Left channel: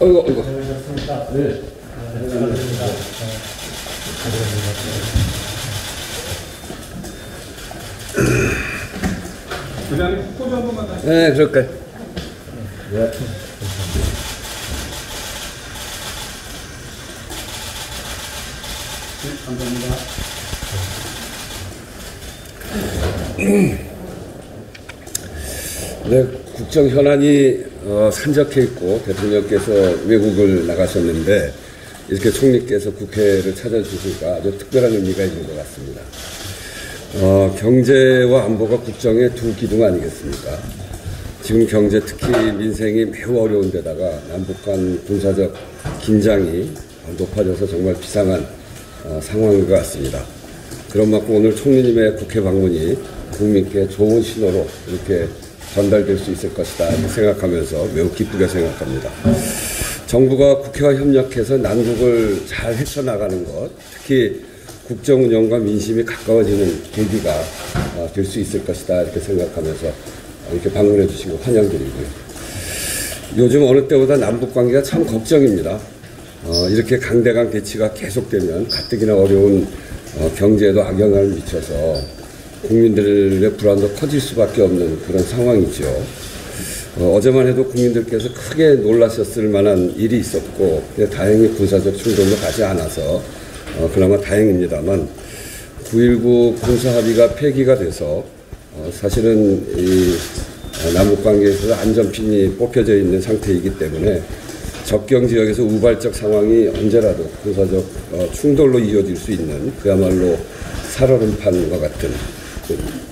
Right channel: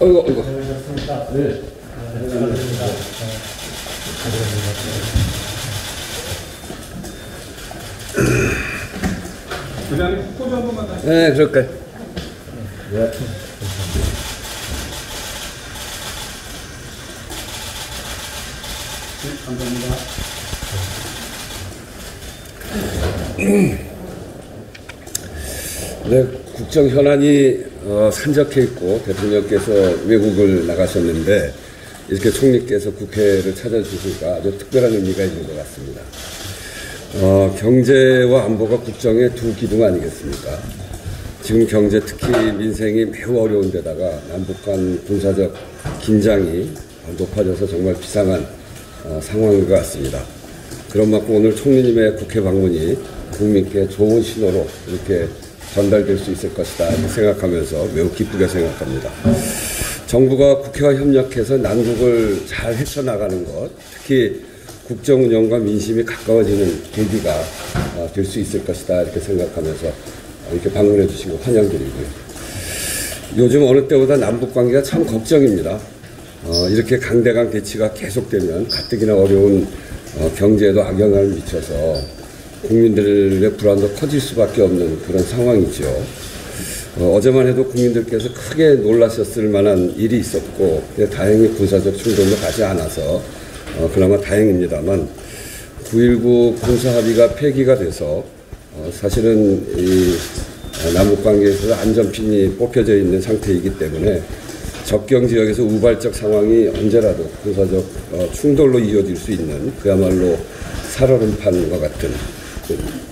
어이구, 어이구. 잘하셨습니다. 네. 잘하셨습니다. 그냥 포즈 한 번만 다시. 네, 그럴까요? 네. 감사합니다. 네, 국정 현안이 산적해 있고 대통령께서 외국을 나가셨는데 이렇게 총리께서 국회를 찾아주시니까 아주 특별한 의미가 있는 것 같습니다. 경제와 안보가 국정의 두 기둥 아니겠습니까? 지금 경제 특히 민생이 매우 어려운 데다가 남북 간 군사적 긴장이 높아져서 정말 비상한 상황인 것 같습니다. 그런 만큼 오늘 총리님의 국회 방문이 국민께 좋은 신호로 이렇게 전달될 수 있을 것이다 생각하면서 매우 기쁘게 생각합니다. 정부가 국회와 협력해서 난국을 잘 헤쳐나가는 것, 특히 국정 운영과 민심이 가까워지는 계기가 될 수 있을 것이다 이렇게 생각하면서 이렇게 방문해 주시고 환영드리고요. 요즘 어느 때보다 남북관계가 참 걱정입니다. 이렇게 강대강 대치가 계속되면 가뜩이나 어려운 경제에도 악영향을 미쳐서 국민들의 불안도 커질 수밖에 없는 그런 상황이죠. 어제만 해도 국민들께서 크게 놀라셨을 만한 일이 있었고 다행히 군사적 충돌로 가지 않아서 그나마 다행입니다만 9.19 군사합의가 폐기가 돼서 사실은 이 남북관계에서 안전핀이 뽑혀져 있는 상태이기 때문에 접경지역에서 우발적 상황이 언제라도 군사적 충돌로 이어질 수 있는 그야말로 살얼음판과 같은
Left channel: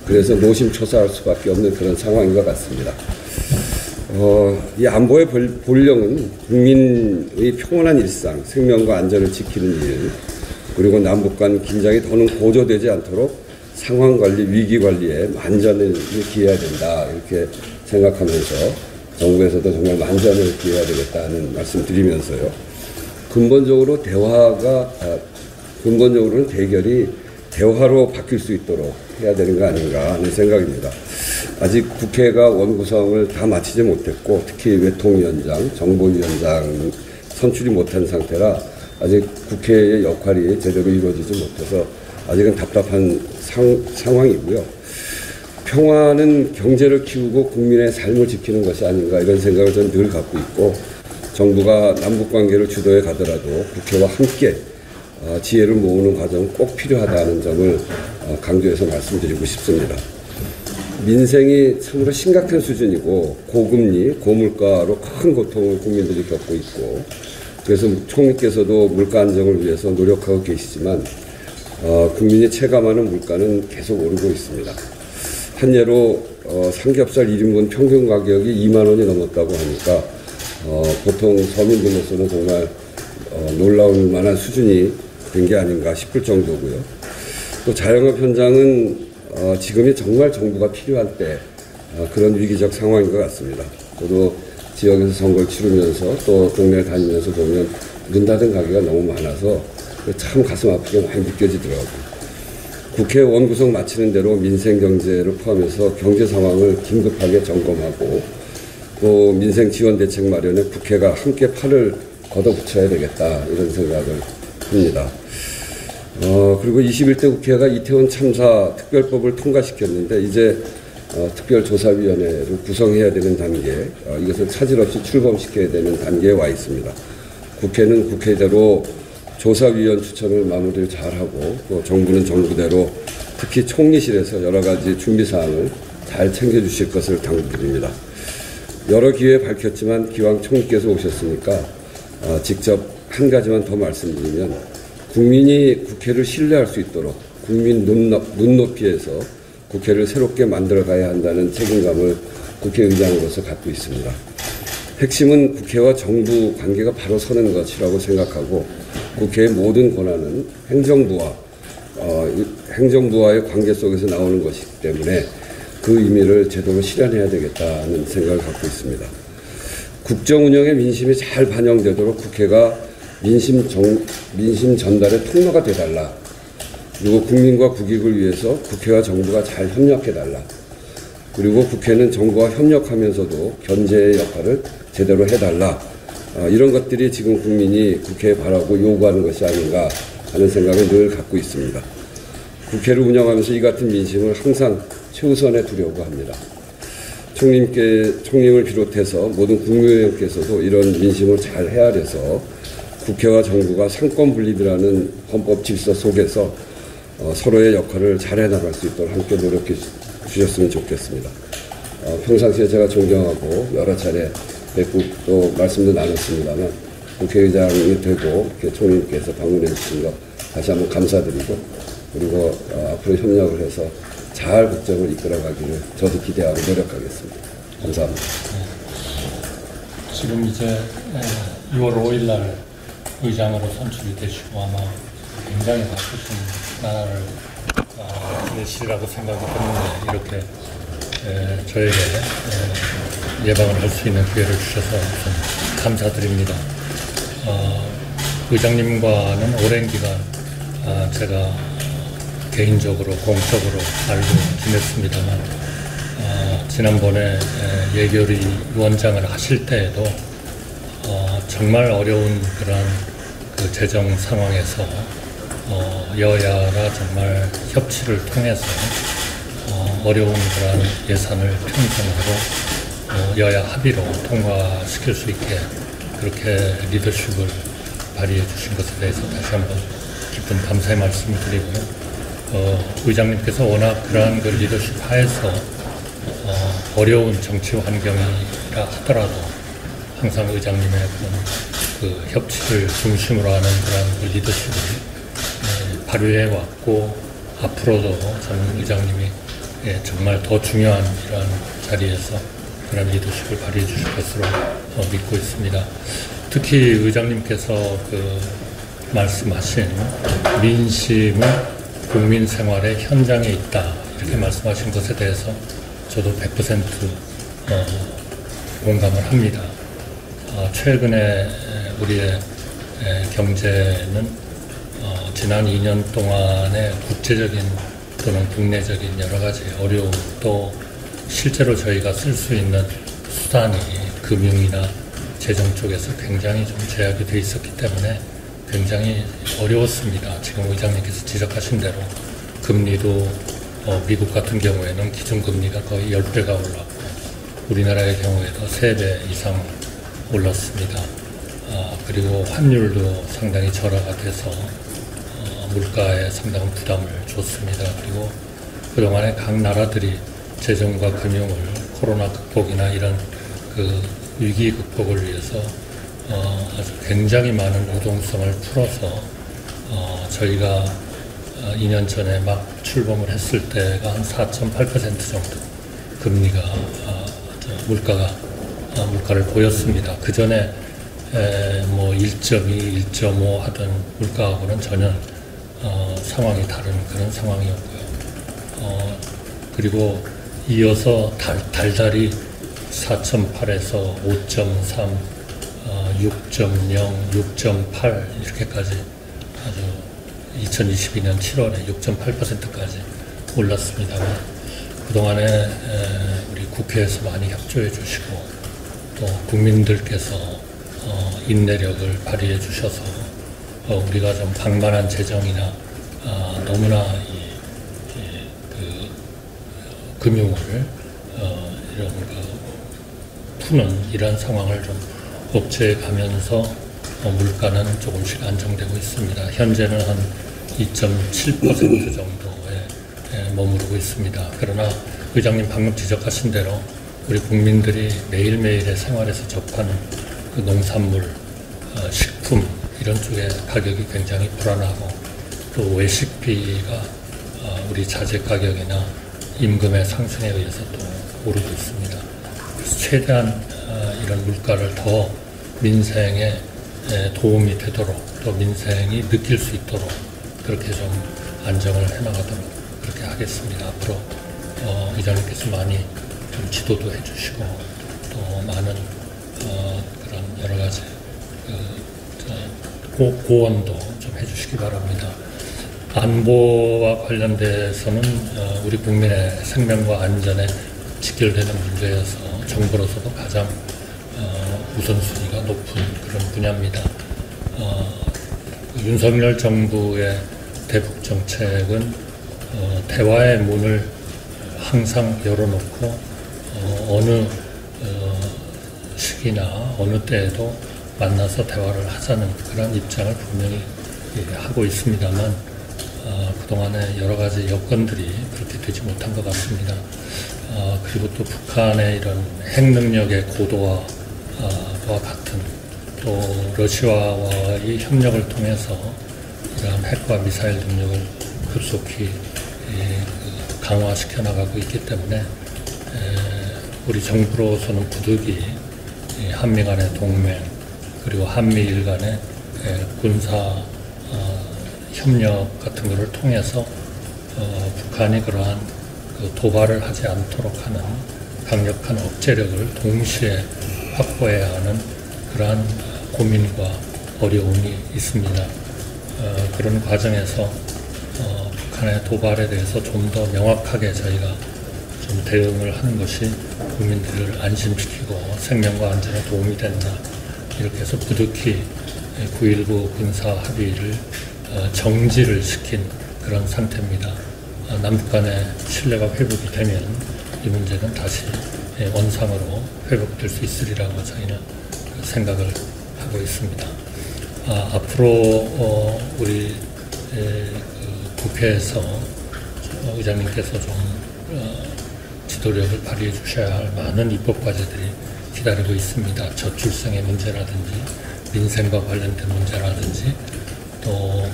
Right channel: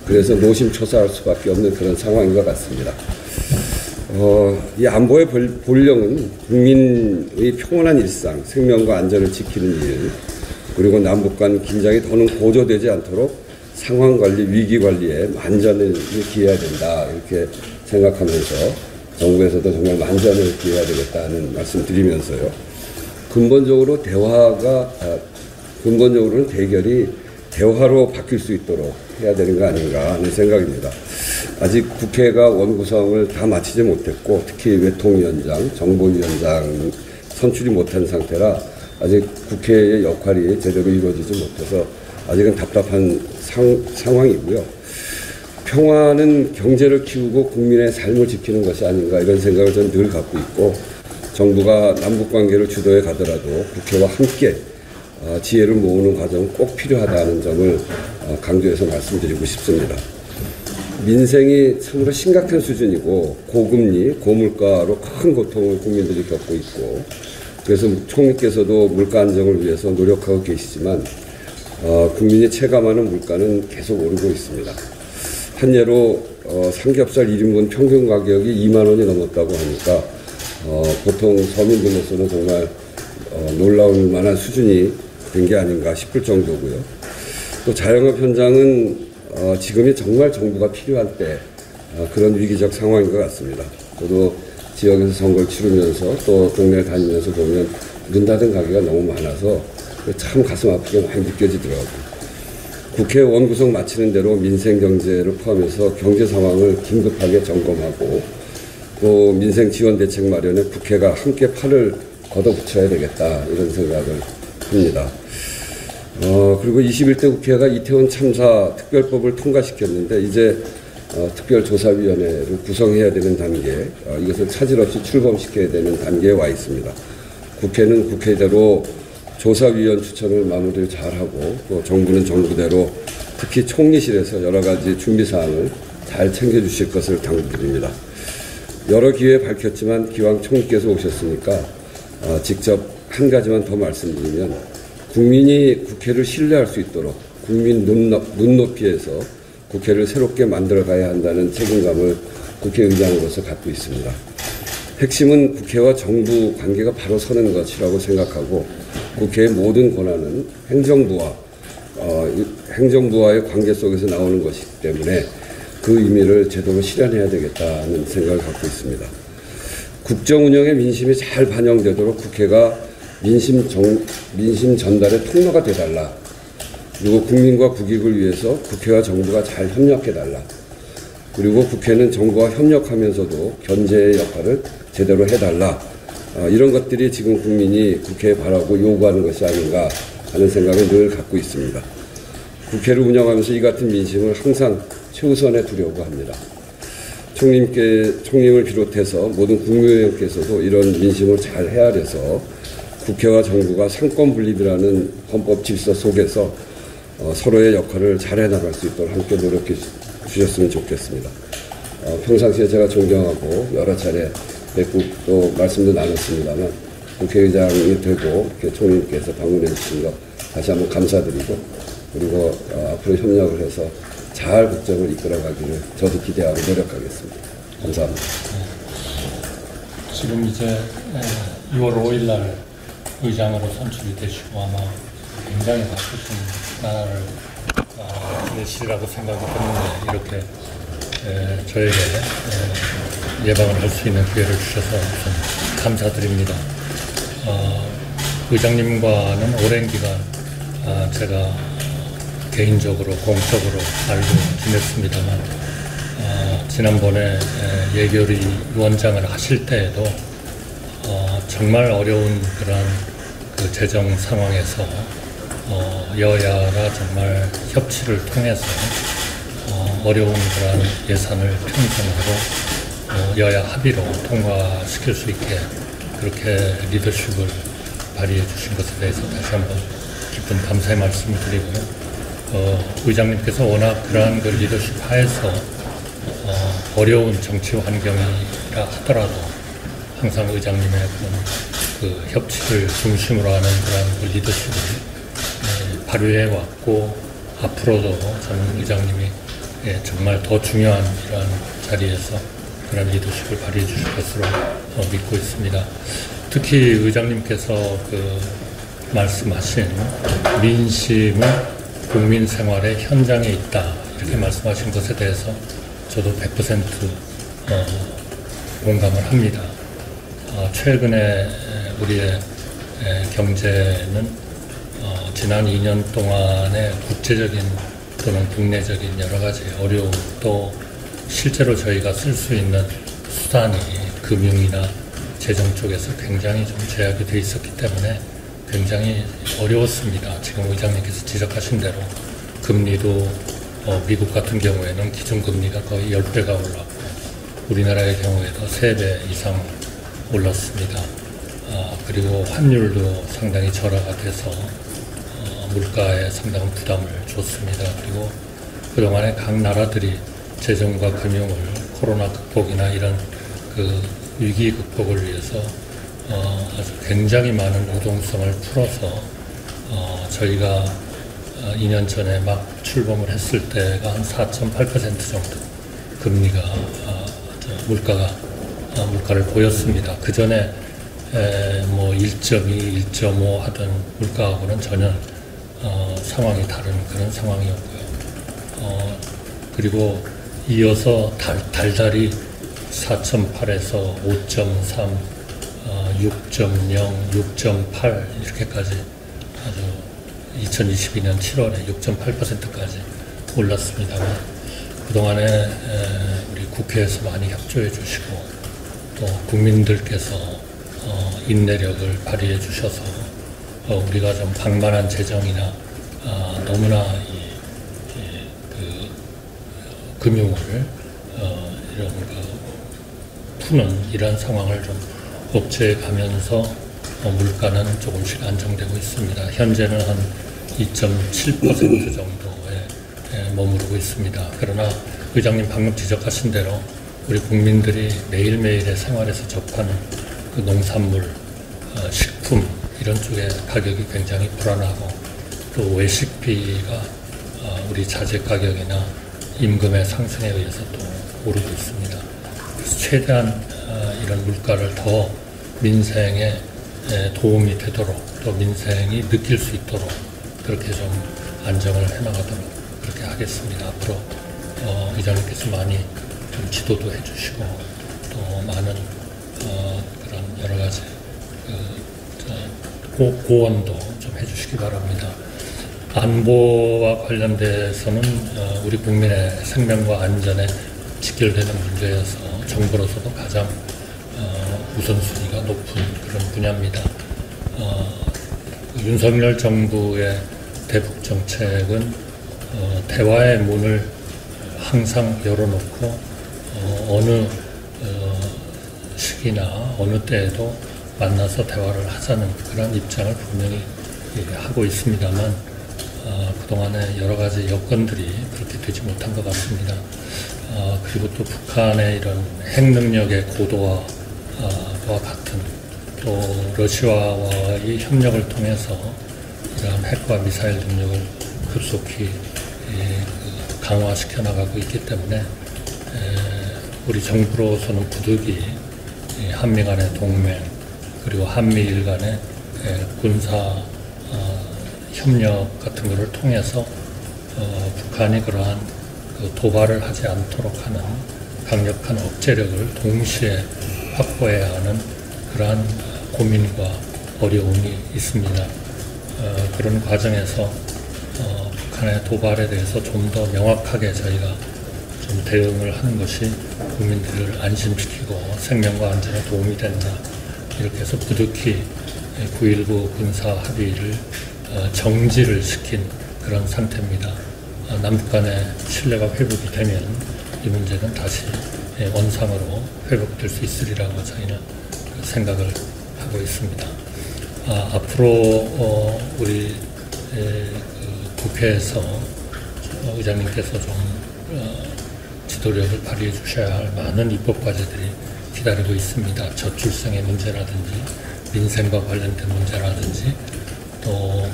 그래서 노심초사할 수밖에 없는 그런 상황인 것 같습니다. 이 안보의 본령은 국민의 평온한 일상, 생명과 안전을 지키는 이유, 그리고 남북 간 긴장이 더는 고조되지 않도록 상황관리, 위기관리에 만전을 기해야 된다 이렇게 생각하면서 정부에서도 정말 만전을 기해야 되겠다는 말씀 드리면서요. 근본적으로는 대결이 대화로 바뀔 수 있도록 해야 되는 거 아닌가 하는 생각입니다. 아직 국회가 원구성을 다 마치지 못했고 특히 외통위원장, 정보위원장 선출이 못한 상태라 아직 국회의 역할이 제대로 이루어지지 못해서 아직은 답답한 상황이고요. 평화는 경제를 키우고 국민의 삶을 지키는 것이 아닌가 이런 생각을 저는 늘 갖고 있고 정부가 남북관계를 주도해 가더라도 국회와 함께 지혜를 모으는 과정은 꼭 필요하다는 점을 강조해서 말씀드리고 싶습니다. 민생이 참으로 심각한 수준이고 고금리, 고물가로 큰 고통을 국민들이 겪고 있고 그래서 총리께서도 물가 안정을 위해서 노력하고 계시지만 국민이 체감하는 물가는 계속 오르고 있습니다. 현재로 삼겹살 1인분 평균 가격이 2만 원이 넘었다고 하니까 보통 서민들로서는 정말 놀라울 만한 수준이 된 게 아닌가 싶을 정도고요. 또 자영업 현장은 지금이 정말 정부가 필요할 때 그런 위기적 상황인 것 같습니다. 저도 지역에서 선거를 치르면서 또 동네 다니면서 보면 문 닫은 가게가 너무 많아서 참 가슴 아프게 많이 느껴지더라고요. 국회 원구성 마치는 대로 민생 경제를 포함해서 경제 상황을 긴급하게 점검하고 또 민생 지원 대책 마련에 국회가 함께 팔을 걷어붙여야 되겠다 이런 생각을 합니다. 그리고 21대 국회가 이태원 참사 특별법을 통과시켰는데 이제 특별조사위원회를 구성해야 되는 단계, 이것을 차질 없이 출범시켜야 되는 단계에 와 있습니다. 국회는 국회대로 조사위원 추천을 마무리를 잘하고 또 정부는 정부대로 특히 총리실에서 여러 가지 준비사항을 잘 챙겨주실 것을 당부드립니다. 여러 기회에 밝혔지만 기왕 총리께서 오셨으니까 직접 한 가지만 더 말씀드리면 국민이 국회를 신뢰할 수 있도록 국민 눈높이에서 국회를 새롭게 만들어가야 한다는 책임감을 국회의장으로서 갖고 있습니다. 핵심은 국회와 정부 관계가 바로 서는 것이라고 생각하고 국회의 모든 권한은 행정부와의 관계 속에서 나오는 것이기 때문에 그 의미를 제대로 실현해야 되겠다는 생각을 갖고 있습니다. 국정 운영에 민심이 잘 반영되도록 국회가 민심 전달의 통로가 되달라. 그리고 국민과 국익을 위해서 국회와 정부가 잘 협력해달라. 그리고 국회는 정부와 협력하면서도 견제의 역할을 제대로 해달라. 이런 것들이 지금 국민이 국회에 바라고 요구하는 것이 아닌가 하는 생각을 늘 갖고 있습니다. 국회를 운영하면서 이 같은 민심을 항상 최우선에 두려고 합니다. 총님을 비롯해서 모든 국민의원께서도 이런 민심을 잘 헤아려서 국회와 정부가 상권 분립이라는 헌법 질서 속에서 서로의 역할을 잘 해나갈 수 있도록 함께 노력해 주셨으면 좋겠습니다. 평상시에 제가 존경하고 여러 차례 뵙고 또 말씀도 나눴습니다만 국회의장이 되고 총리님께서 방문해 주신 것 다시 한번 감사드리고 그리고 앞으로 협력을 해서 잘 국정을 이끌어가기를 저도 기대하고 노력하겠습니다. 감사합니다. 지금 이제 6월 5일 날 의장으로 선출이 되시고 아마 굉장히 바쁘신 날을 내시라고 생각이 드는데 이렇게 저에게 예방을 할 수 있는 기회를 주셔서 좀 감사드립니다. 의장님과는 오랜 기간 제가 개인적으로 공적으로 알고 지냈습니다만 지난번에 예결위 위원장을 하실 때에도 정말 어려운 그런 그 재정 상황에서 여야가 정말 협치를 통해서 어려운 그런 예산을 편성하고 여야 합의로 통과시킬 수 있게 그렇게 리더십을 발휘해 주신 것에 대해서 다시 한번 깊은 감사의 말씀을 드리고요. 의장님께서 워낙 그러한 그 리더십 하에서 어려운 정치 환경이라 하더라도 항상 의장님의 그 협치를 중심으로 하는 그런 그 리더십을 발휘해 왔고 앞으로도 저는 의장님이 정말 더 중요한 그런 자리에서 그런 리더십을 발휘해 주실 것으로 믿고 있습니다. 특히 의장님께서 그 말씀하신 민심은 국민 생활의 현장에 있다 이렇게 말씀하신 것에 대해서 저도 100% 공감을 합니다. 최근에 우리의 경제는 지난 2년 동안의 국제적인 또는 국내적인 여러 가지 어려움 또 실제로 저희가 쓸 수 있는 수단이 금융이나 재정 쪽에서 굉장히 좀 제약이 돼 있었기 때문에 굉장히 어려웠습니다. 지금 의장님께서 지적하신 대로 금리도 미국 같은 경우에는 기준금리가 거의 10배가 올랐고 우리나라의 경우에도 3배 이상 올랐습니다. 그리고 환율도 상당히 저렴하게 해서 물가에 상당한 부담을 줬습니다. 그리고 그동안에 각 나라들이 재정과 금융을 코로나 극복이나 이런 그 위기 극복을 위해서 굉장히 많은 유동성을 풀어서 저희가 2년 전에 막 출범을 했을 때가 한 4.8% 정도 금리가 물가를 보였습니다. 그 전에 1.2, 1.5 하던 물가하고는 전혀 상황이 다른 그런 상황이었고요. 그리고 이어서 달달이 4.8에서 5.3, 6.0, 6.8 이렇게까지 아주 2022년 7월에 6.8%까지 올랐습니다만 그동안에 우리 국회에서 많이 협조해 주시고 또 국민들께서 인내력을 발휘해 주셔서 우리가 좀 방만한 재정이나 너무나 금융을 푸는 이런 상황을 좀 억제해 가면서 물가는 조금씩 안정되고 있습니다. 현재는 한 2.7% 정도에 머무르고 있습니다. 그러나 의장님 방금 지적하신 대로 우리 국민들이 매일매일의 생활에서 접하는 그 농산물, 식품 이런 쪽의 가격이 굉장히 불안하고 또 외식비가 우리 자재 가격이나 임금의 상승에 의해서 또 오르고 있습니다. 그래서 최대한 이런 물가를 더 민생에 도움이 되도록 또 민생이 느낄 수 있도록 그렇게 좀 안정을 해나가도록 그렇게 하겠습니다. 앞으로 의장님께서 많이 좀 지도도 해주시고 또 많은 그런 여러 가지 고언도 좀 해주시기 바랍니다. 안보와 관련돼서는 우리 국민의 생명과 안전에 직결되는 문제여서 정부로서도 가장 우선순위가 높은 그런 분야입니다. 윤석열 정부의 대북 정책은 대화의 문을 항상 열어놓고 어느 시기나 어느 때에도 만나서 대화를 하자는 그런 입장을 분명히 하고 있습니다만 그동안에 여러 가지 여건들이 그렇게 되지 못한 것 같습니다. 그리고 또 북한의 이런 핵 능력의 고도화와 같은 또 러시아와의 협력을 통해서 이러한 핵과 미사일 능력을 급속히 강화시켜 나가고 있기 때문에 우리 정부로서는 부득이 한미 간의 동맹 그리고 한미일 간의 군사 협력 같은 것을 통해서 북한이 그러한 도발을 하지 않도록 하는 강력한 억제력을 동시에 확보해야 하는 그러한 고민과 어려움이 있습니다. 그런 과정에서 북한의 도발에 대해서 좀 더 명확하게 저희가 좀 대응을 하는 것이 국민들을 안심시키고 생명과 안전에 도움이 된다. 이렇게 해서 부득이 9.19 군사 합의를 정지를 시킨 그런 상태입니다. 남북 간의 신뢰가 회복이 되면 이 문제는 다시 원상으로 회복될 수 있으리라고 저희는 생각을 하고 있습니다. 앞으로 우리 국회에서 의장님께서 좀 지도력을 발휘해 주셔야 할 많은 입법 과제들이 기다리고 있습니다. 저출생의 문제라든지 민생과 관련된 문제라든지 또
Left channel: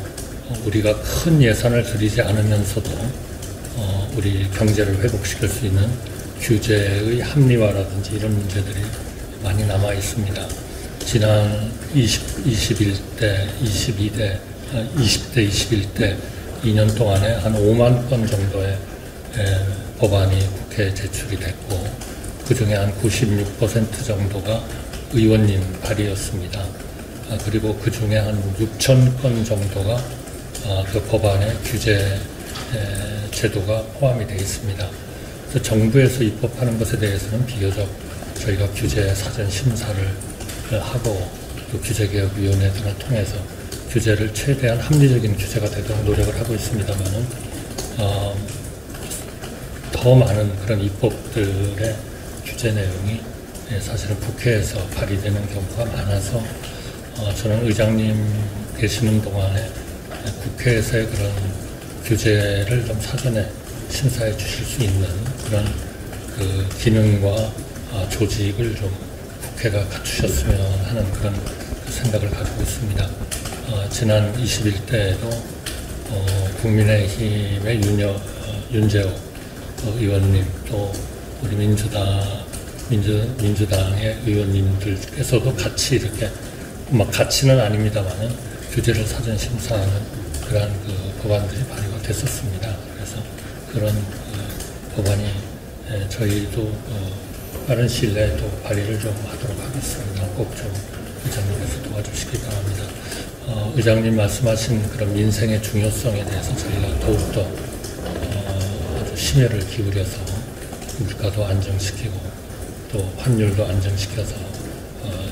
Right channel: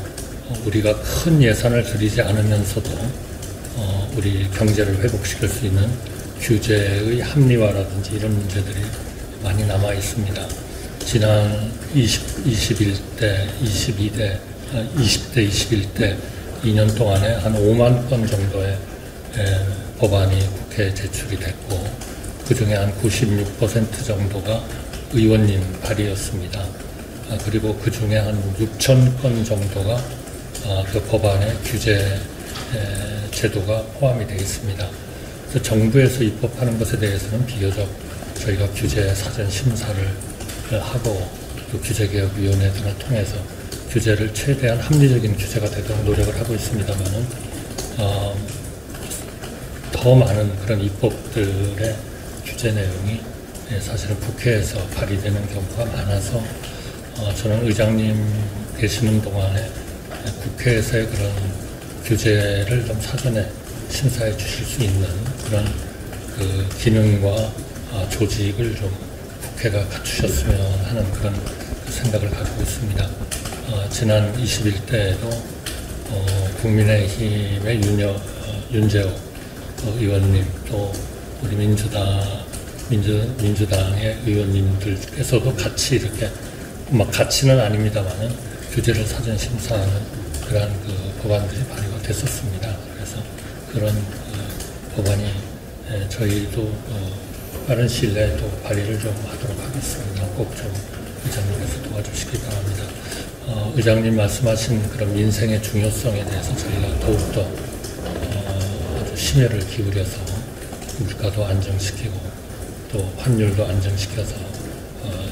우리가 큰 예산을 들이지 않으면서도 우리 경제를 회복시킬 수 있는 규제의 합리화라든지 이런 문제들이 많이 남아 있습니다. 지난 21대, 21대 2년 동안에 한 5만 건 정도의 법안이 국회에 제출이 됐고 그 중에 한 96% 정도가 의원님 발의였습니다. 그리고 그 중에 한 6천 건 정도가 그 법안의 규제 제도가 포함이 되어 있습니다. 그래서 정부에서 입법하는 것에 대해서는 비교적 저희가 규제 사전 심사를 하고 그 규제개혁위원회를 통해서 규제를 최대한 합리적인 규제가 되도록 노력을 하고 있습니다만 더 많은 그런 입법들의 규제 내용이 사실은 국회에서 발의되는 경우가 많아서 저는 의장님 계시는 동안에 국회에서의 그런 규제를 좀 사전에 심사해 주실 수 있는 그런 그 기능과 조직을 좀 국회가 갖추셨으면 하는 그런 생각을 가지고 있습니다. 지난 21대에도 국민의힘의 윤재호 의원님 또 우리 민주당의 의원님들께서도 같이 이렇게 같이는 아닙니다만은 규제를 사전 심사하는 그런 그 법안들이 발의가 됐었습니다. 그래서 그런 법안이 저희도 빠른 시일 내에 또 발의를 좀 하도록 하겠습니다. 꼭 좀 의장님께서 도와주시기 바랍니다. 의장님 말씀하신 그런 민생의 중요성에 대해서 저희가 더욱더 심혈을 기울여서 물가도 안정시키고 또 환율도 안정시켜서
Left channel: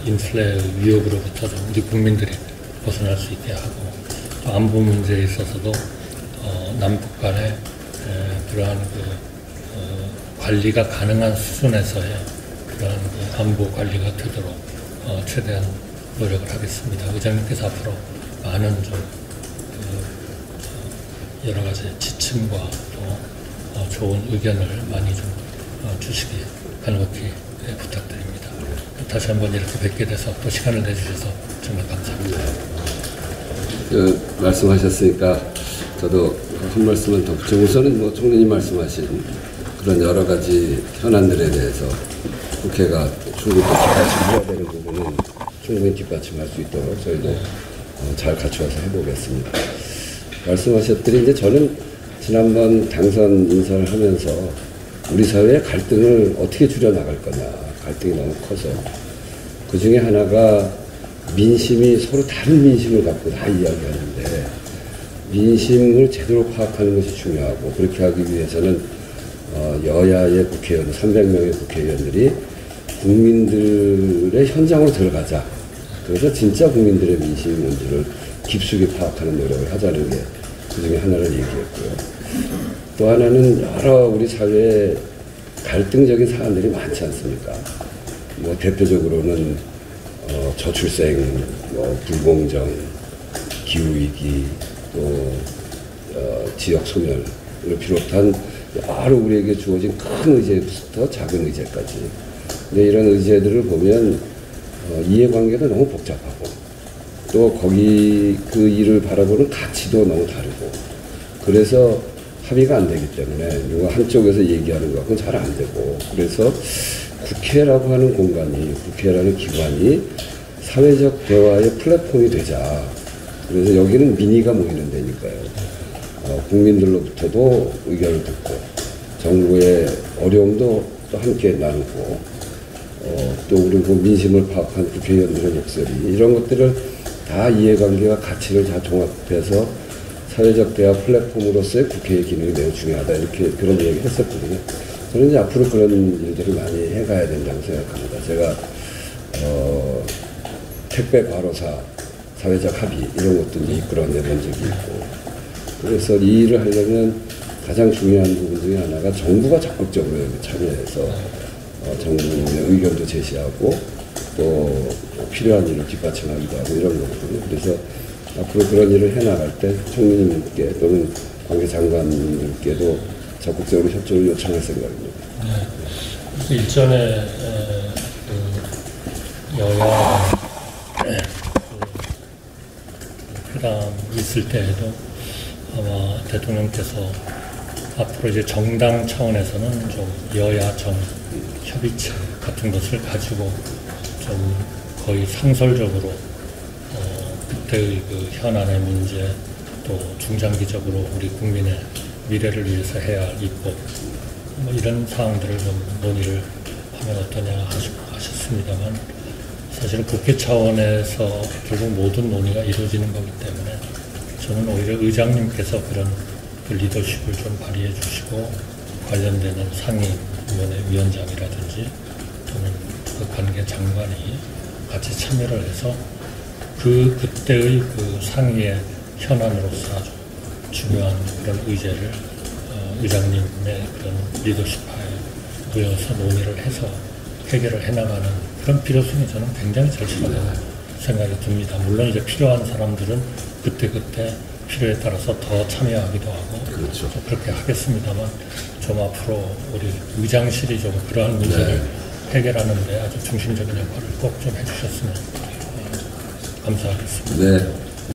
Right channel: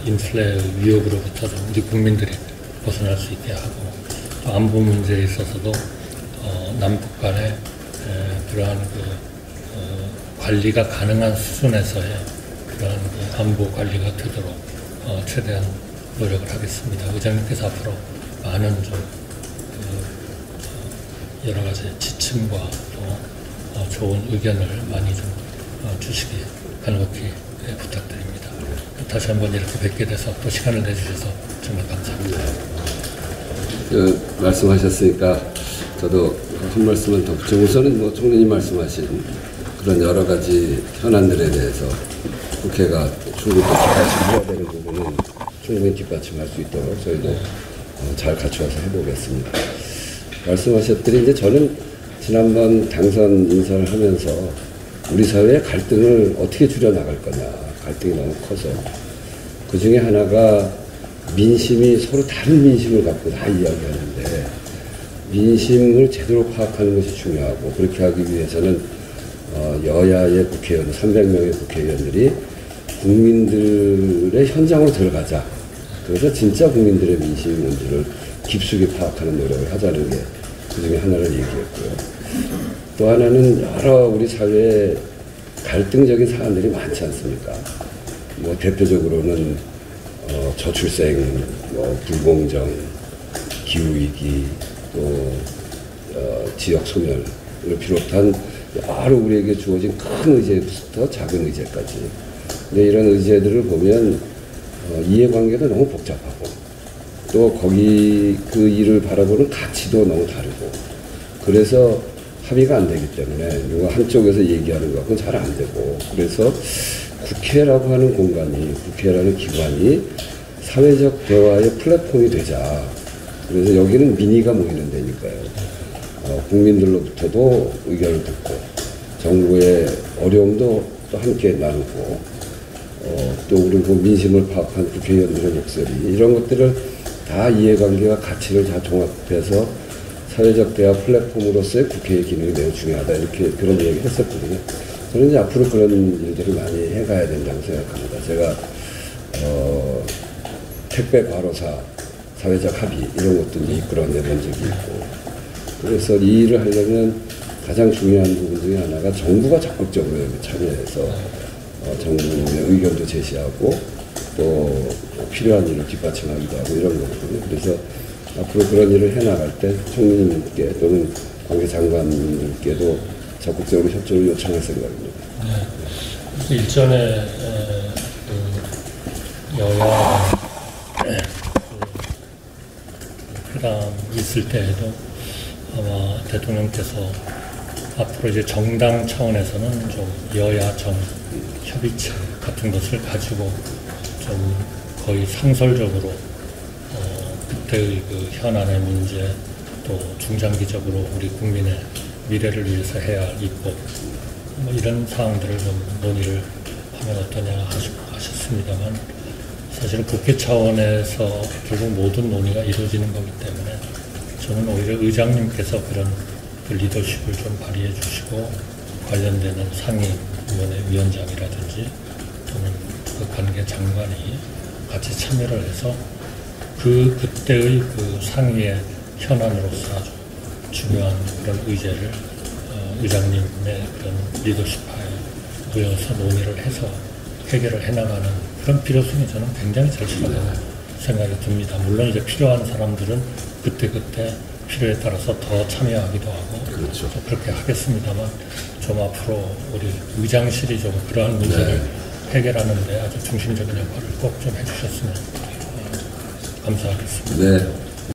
인플레 위협으로부터 좀 우리 국민들이 벗어날 수 있게 하고 또 안보 문제에 있어서도 남북 간의 그러한 관리가 가능한 수준에서의 그러한 안보 관리가 되도록 최대한 노력을 하겠습니다. 의장님께서 앞으로 많은 좀 여러 가지 지침과 또 좋은 의견을 많이 좀 주시기 간곡히 부탁드립니다. 다시 한번 이렇게 뵙게 돼서 또 시간을 내주셔서 정말 감사합니다. 말씀하셨으니까 저도 한 말씀은 더 붙여. 우선은 총리님 말씀하신 그런 여러 가지 현안들에 대해서 국회가 충분히 뒷받침해야 되는 부분은 충분히 뒷받침할 수 있도록 저희도 잘 갖춰서 해보겠습니다. 말씀하셨더니 이제 저는 지난번 당선 인사를 하면서 우리 사회의 갈등을 어떻게 줄여나갈 거냐, 갈등이 너무 커서 그 중에 하나가 민심이 서로 다른 민심을 갖고 다 이야기하는데 민심을 제대로 파악하는 것이 중요하고 그렇게 하기 위해서는 여야의 국회의원 300명의 국회의원들이 국민들의 현장으로 들어가자. 그래서 진짜 국민들의 민심이 뭔지를 깊숙이 파악하는 노력을 하자는 게 그중에 하나를 얘기했고요. 또 하나는 여러 우리 사회에 갈등적인 사안들이 많지 않습니까? 뭐 대표적으로는 저출생 인구, 불공정, 기후위기, 지역소멸을 비롯한 여러 우리에게 주어진 큰 의제부터 작은 의제까지. 네, 이런 의제들을 보면 이해관계가 너무 복잡하고 또 거기 그 일을 바라보는 가치도 너무 다르고 그래서 합의가 안 되기 때문에 이거 한쪽에서 얘기하는 것은 잘 안 되고 그래서 국회라고 하는 공간이 국회라는 기관이 사회적 대화의 플랫폼이 되자. 그래서 여기는 민의가 모이는 데니까요. 국민들로부터도 의견을 듣고 정부의 어려움도 또 함께 나누고 또 그리고 민심을 파악한 국회의원들의 목소리 이런 것들을 다 이해관계와 가치를 다 종합해서 사회적 대화 플랫폼으로서의 국회의 기능이 매우 중요하다 이렇게 그런 얘기를 했었거든요. 저는 이제 앞으로 그런 일들을 많이 해가야 된다고 생각합니다. 제가 택배 과로사 사회적 합의 이런 것도 이제 이끌어내본 적이 있고 그래서 이 일을 하려면 가장 중요한 부분 중에 하나가 정부가 적극적으로 참여해서 정부의 의견도 제시하고 또 필요한 일을 뒷받침하기도 하고 이런 거거든요. 그래서 앞으로 그런 일을 해나갈 때 총리님께 또는 관계 장관님께도 적극적으로 협조를 요청할 생각입니다. 네. 일전에 여야 회담 있을 때에도 아마 대통령께서 앞으로 이제 정당 차원에서는 좀 여야 정 협의체 같은 것을 가지고 좀 거의 상설적으로 그때의 그 현안의 문제 또 중장기적으로 우리 국민의 미래를 위해서 해야 있고 이런 사항들을 좀 몸으로 하면 어떨까 싶습니다. 사실 국회 차원에서 계속 모든 논의가 이루어지는 거기 때문에 저는 오히려 의장님께서 그런 그 리더십을 좀 발휘해 주시고 관련되는 상임위원회 위원장이라든지 또는 그 관계 장관이 같이 참여를 해서 그때의 그 상위의 현안으로서 중요한 그런 의제를 의장님의 그런 리더십에 의해서 논의를 해서 해결을 해나가는 그런 필요성이 저는 굉장히 절실하다고 생각이 듭니다. 물론 이제 필요한 사람들은 그때그때 필요에 따라서 더 참여하기도 하고 그렇죠. 그렇게 하겠습니다만 좀 앞으로 우리 의장실이 좀 그러한 문제를 해결하는 데 아주 중심적인 역할을 꼭 좀 해주셨으면 감사하겠습니다. 네.